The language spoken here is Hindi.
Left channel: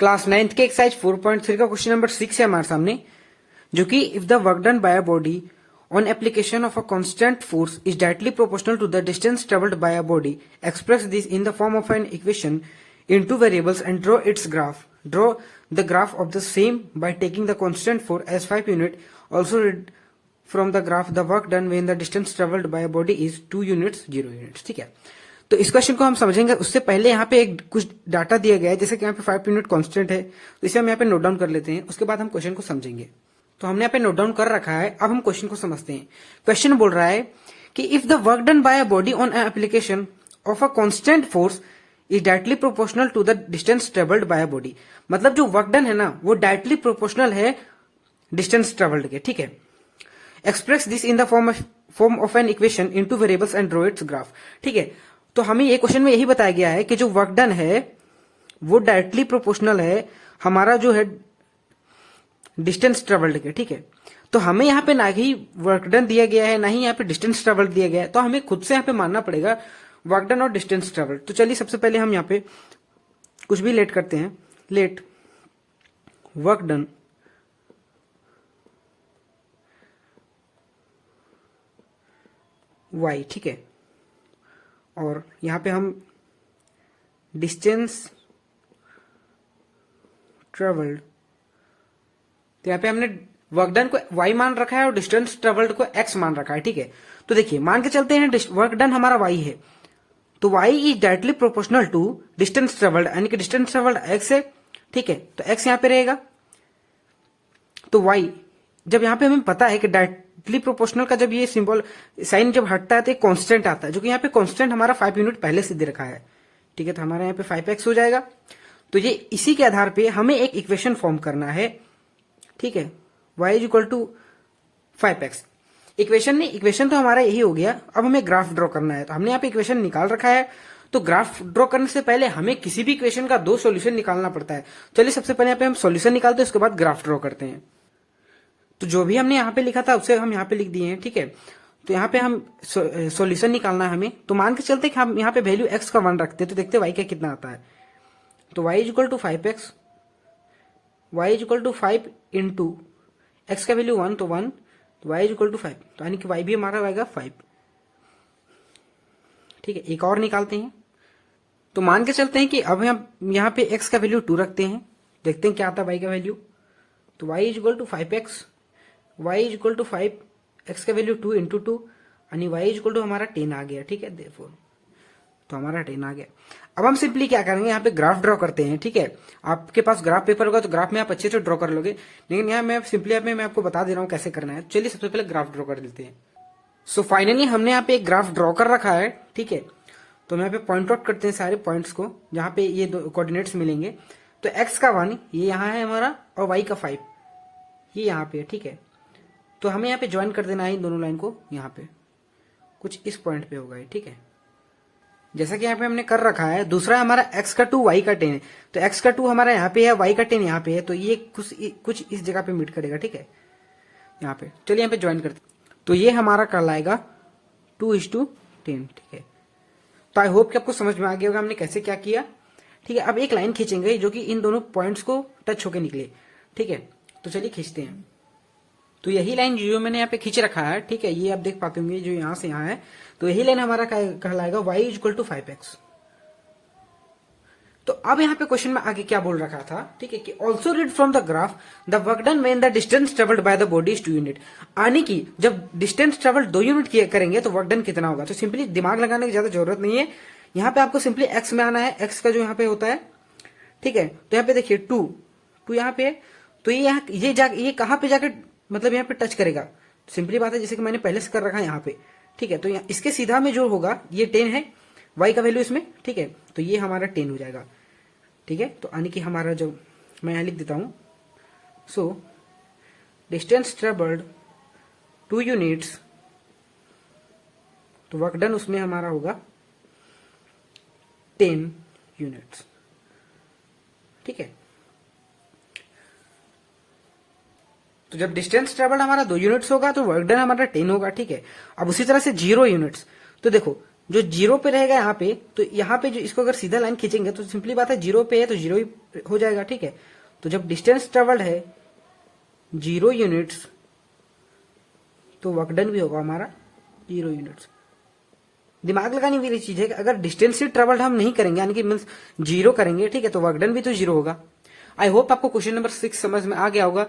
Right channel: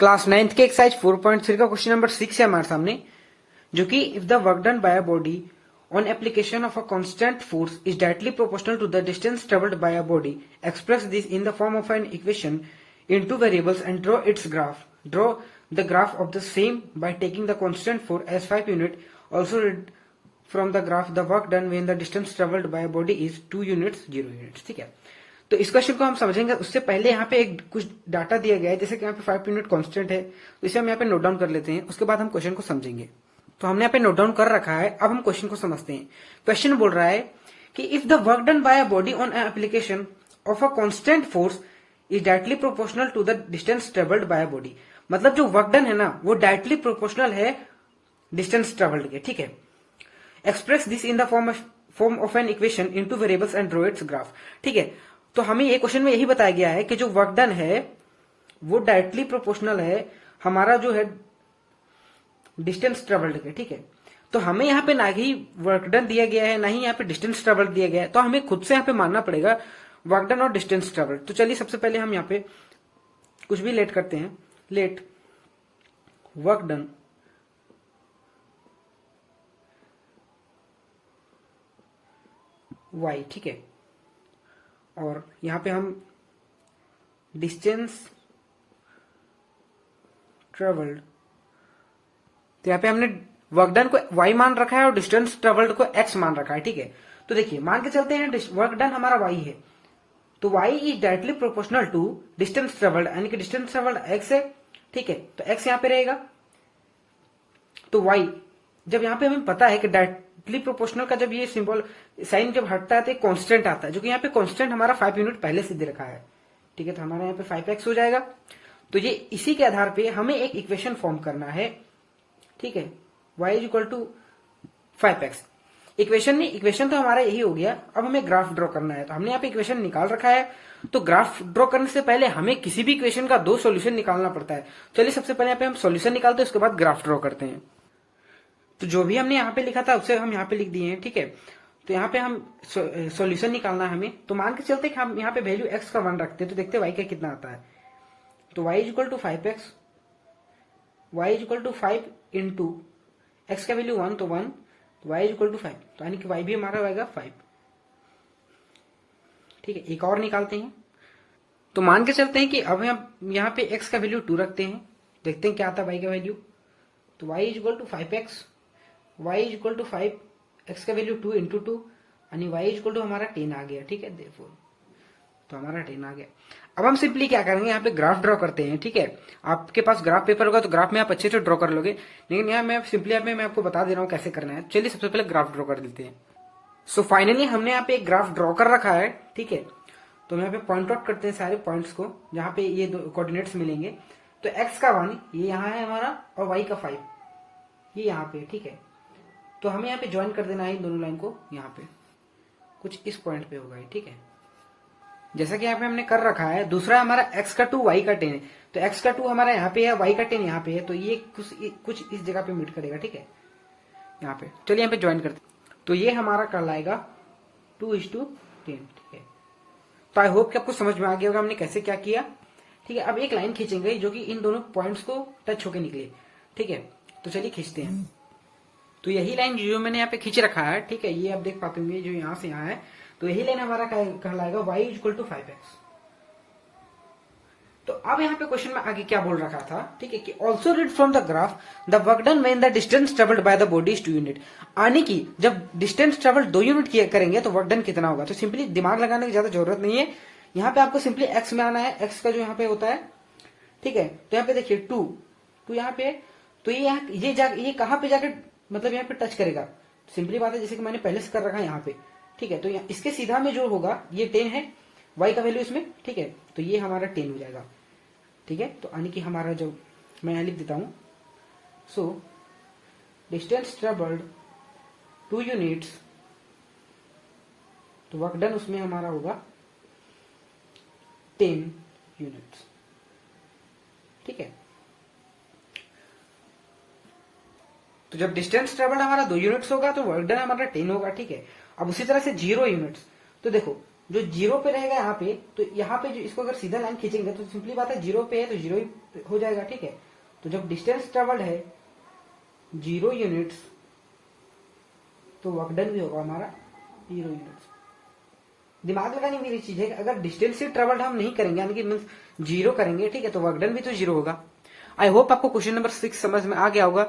क्लास 9th के एक्सरसाइज 4.3 का क्वेश्चन नंबर 6 है हमारे सामने, जो कि if the work done by a body on application of a constant force is directly proportional to the distance travelled by a body, express this in the form of an equation in two variables and draw its graph. Draw the graph of the same by taking the constant force as 5 unit. Also read from the graph the work done when the distance travelled by a body is 2 units 0 units. ठीक है, तो इस क्वेश्चन को हम समझेंगे. उससे पहले यहाँ पे एक कुछ डाटा दिया गया है, जैसे कि यहाँ पे 5 यूनिट कांस्टेंट है, तो इसे हम यहाँ पे नोट डाउन कर लेते हैं. उसके बाद हम क्वेश्चन को समझेंगे. तो हमने यहाँ पे नोट डाउन कर रखा है. अब हम क्वेश्चन को समझते हैं. क्वेश्चन बोल रहा है कि if the work done by a body on application of a constant force is directly proportional to the distance travelled by a body. मतलब जो वर्क डन है ना, वो डायरेक्टली प्रोपोर्शनल है डिस्टेंस ट्रेवल्ड के. ठीक है, express this in the form of an equation into variables and draw its graph. ठीक है, तो हमें ये क्वेश्चन में यही बताया गया है कि जो वर्क डन है वो डायरेक्टली प्रोपोर्शनल है हमारा जो है डिस्टेंस ट्रेवल्ड के. ठीक है, तो हमें यहाँ पे ना ही वर्क डन दिया गया है, ना ही यहाँ पे डिस्टेंस ट्रेवल्ड दिया गया है, तो हमें खुद से यहाँ पे मानना पड़ेगा वर्क डन और डिस्टेंस ट्रेवल्ड. तो चलिए सबसे पहले हम यहाँ पे कुछ भी लेट करते हैं. Let work done y. ठीक है, और यहां पे हम डिस्टेंस ट्रेवल्ड, तो यहां पे हमने वर्क डन को y मान रखा है और डिस्टेंस ट्रेवल्ड को x मान रखा है. ठीक है, तो देखिए मान के चलते हैं वर्क डन हमारा y है, तो y is directly proportional to distance travelled, यानी कि डिस्टेंस ट्रेवल्ड x है. ठीक है, तो x यहां पे रहेगा, तो y जब यहां पे हमें पता है कि डायरेक्टली प्रोपोर्शनल का जब ये सिंबल साइन जब हटता है तो एक कांस्टेंट आता है, जो कि यहाँ पे कांस्टेंट हमारा 5 यूनिट पहले से दे रखा है. ठीक है, तो हमारा यहाँ पे 5x हो जाएगा. तो ये इसी के आधार पे हमें एक इक्वेशन फॉर्म करना है. ठीक है, y is equal to 5x. Equation तो हमारा यही हो गया. अब हमें ग्राफ ड्रॉ करना है, तो हमने यहाँ पे इक्वेशन निकाल रखा है. तो ग्राफ ड्रॉ करने से पहले हमें किसी भी इक्वेशन का 2 सोल्यूशन निकालना पड़ता है. चलिए सबसे पहले यहाँ पे हम सोल्यूशन निकालते हैं, उसके बाद ग्राफ ड्रॉ करते हैं. तो जो भी हमने यहाँ पे लिखा था उसे हम यहाँ पे लिख दिए हैं. ठीक है, तो यहाँ पे हम सॉल्यूशन निकालना है हमें. तो मान के चलते कि हम यहाँ पे वैल्यू x का 1 रखते हैं, तो देखते हैं y का कितना आता है. तो y is equal to 5x, y is equal to 5 into x का वैल्यू 1, तो 1, तो y इज इक्वल टू 5, तो यानी कि y भी हमारा आएगा 5. ठीक है, एक और निकालते हैं. तो मान के चलते हैं कि अब हम यहाँ पे x का वैल्यू 2 रखते हैं, देखते हैं क्या आता है y का वैल्यू. तो y is equal to 5x, y is equal to 5, x का वैल्यू 2 इंटू 2, यानी y इज इक्वल टू हमारा 10 आ गया. ठीक है, देखो तो हमारा 10 आ गया. अब हम सिंपली क्या करेंगे, यहाँ पे ग्राफ ड्रॉ करते हैं. ठीक है, आपके पास ग्राफ पेपर होगा तो ग्राफ में आप अच्छे से ड्रॉ कर लोगे, लेकिन यहाँ मैं सिंपली मैं आपको बता दे रहा हूँ कैसे करना है. चलिए सबसे पहले ग्राफ ड्रॉ कर देते हैं. सो फाइनली हमने यहाँ पे एक ग्राफ ड्रॉ कर रखा है. ठीक है, तो हम यहाँ पे पॉइंट आउट करते हैं सारे पॉइंट्स को जहाँ पे ये कोऑर्डिनेट्स मिलेंगे. तो x का 1 ये यहाँ है हमारा, और y का 5 ये यहाँ पे. ठीक है, तो हमें यहाँ पे ज्वाइन कर देना है इन दोनों लाइन को. यहाँ पे कुछ इस पॉइंट पे होगा. ठीक है, जैसा कि यहाँ पे हमने कर रखा है. दूसरा हमारा x का 2 y का 10 है, तो x का 2 हमारा यहाँ पे है, y का 10 यहाँ पे है, तो ये कुछ इस जगह पे मीट करेगा. ठीक है, यहाँ पे तो यहाँ पे ज्वाइन करते, तो ये हमारा कहलाएगा 2:10. ठीक है, तो आई होप कि आपको समझ में आ गया होगा हमने कैसे क्या किया. ठीक है, अब एक लाइन खींचेंगे जो कि इन दोनों पॉइंट्स को टच होके निकले. ठीक है, तो चलिए खींचते हैं. तो यही लाइन जो मैंने यहाँ पे खींच रखा है, ठीक है, ये आप देख पाते होंगे जो यहाँ से यहाँ है, तो यही लाइन हमारा कहलाएगा y is equal to 5x. तो अब यहाँ पे क्वेश्चन में आगे क्या बोल रखा था. ठीक है, कि also read from the graph the work done when the distance travelled by the body is 2 unit. यानी कि जब डिस्टेंस ट्रेवल्ड 2 यूनिट करेंगे तो वर्क डन कितना होगा. तो सिंपली दिमाग लगाने की ज्यादा जरूरत नहीं है. यहाँ पे आपको सिंपली x में आना है, x का जो यहाँ पे होता है. ठीक है, तो यहाँ पे देखिए 2 यहाँ पे, तो ये कहाँ पे जाके मतलब यहाँ पे टच करेगा. सिंपली बात है, जैसे कि मैंने पहले से कर रखा है यहाँ पे. ठीक है, तो इसके सीधा में जो होगा ये 10 है, y का वैल्यू इसमें. ठीक है, तो ये हमारा 10 हो जाएगा. ठीक है, तो यानी कि हमारा जो मैं यहाँ लिख देता हूं. सो डिस्टेंस ट्रेवल्ड 2 यूनिट्स, तो वर्क डन उसमें हमारा होगा 10 यूनिट्स. ठीक है, तो जब डिस्टेंस ट्रेवल्ड हमारा 2 यूनिट्स होगा तो वर्क डन हमारा 10 होगा. ठीक है, अब उसी तरह से 0 यूनिट्स, तो देखो जो जीरो पे रहेगा यहाँ पे, तो यहाँ पे जो इसको अगर सीधा लाइन खींचेंगे तो सिंपली बात है जीरो पे है तो जीरो ही हो जाएगा, ठीक है। तो जब डिस्टेंस ट्रेवल्ड है 0 यूनिट्स तो वर्क डन भी होगा हमारा 0 यूनिट्स। दिमाग लगाने वाली चीज है कि अगर डिस्टेंस से ट्रेवल्ड हम नहीं करेंगे यानी कि मीन्स जीरो करेंगे, ठीक है, तो वर्क डन भी तो जीरो होगा। आई होप आपको क्वेश्चन नंबर 6 समझ में आ गया होगा।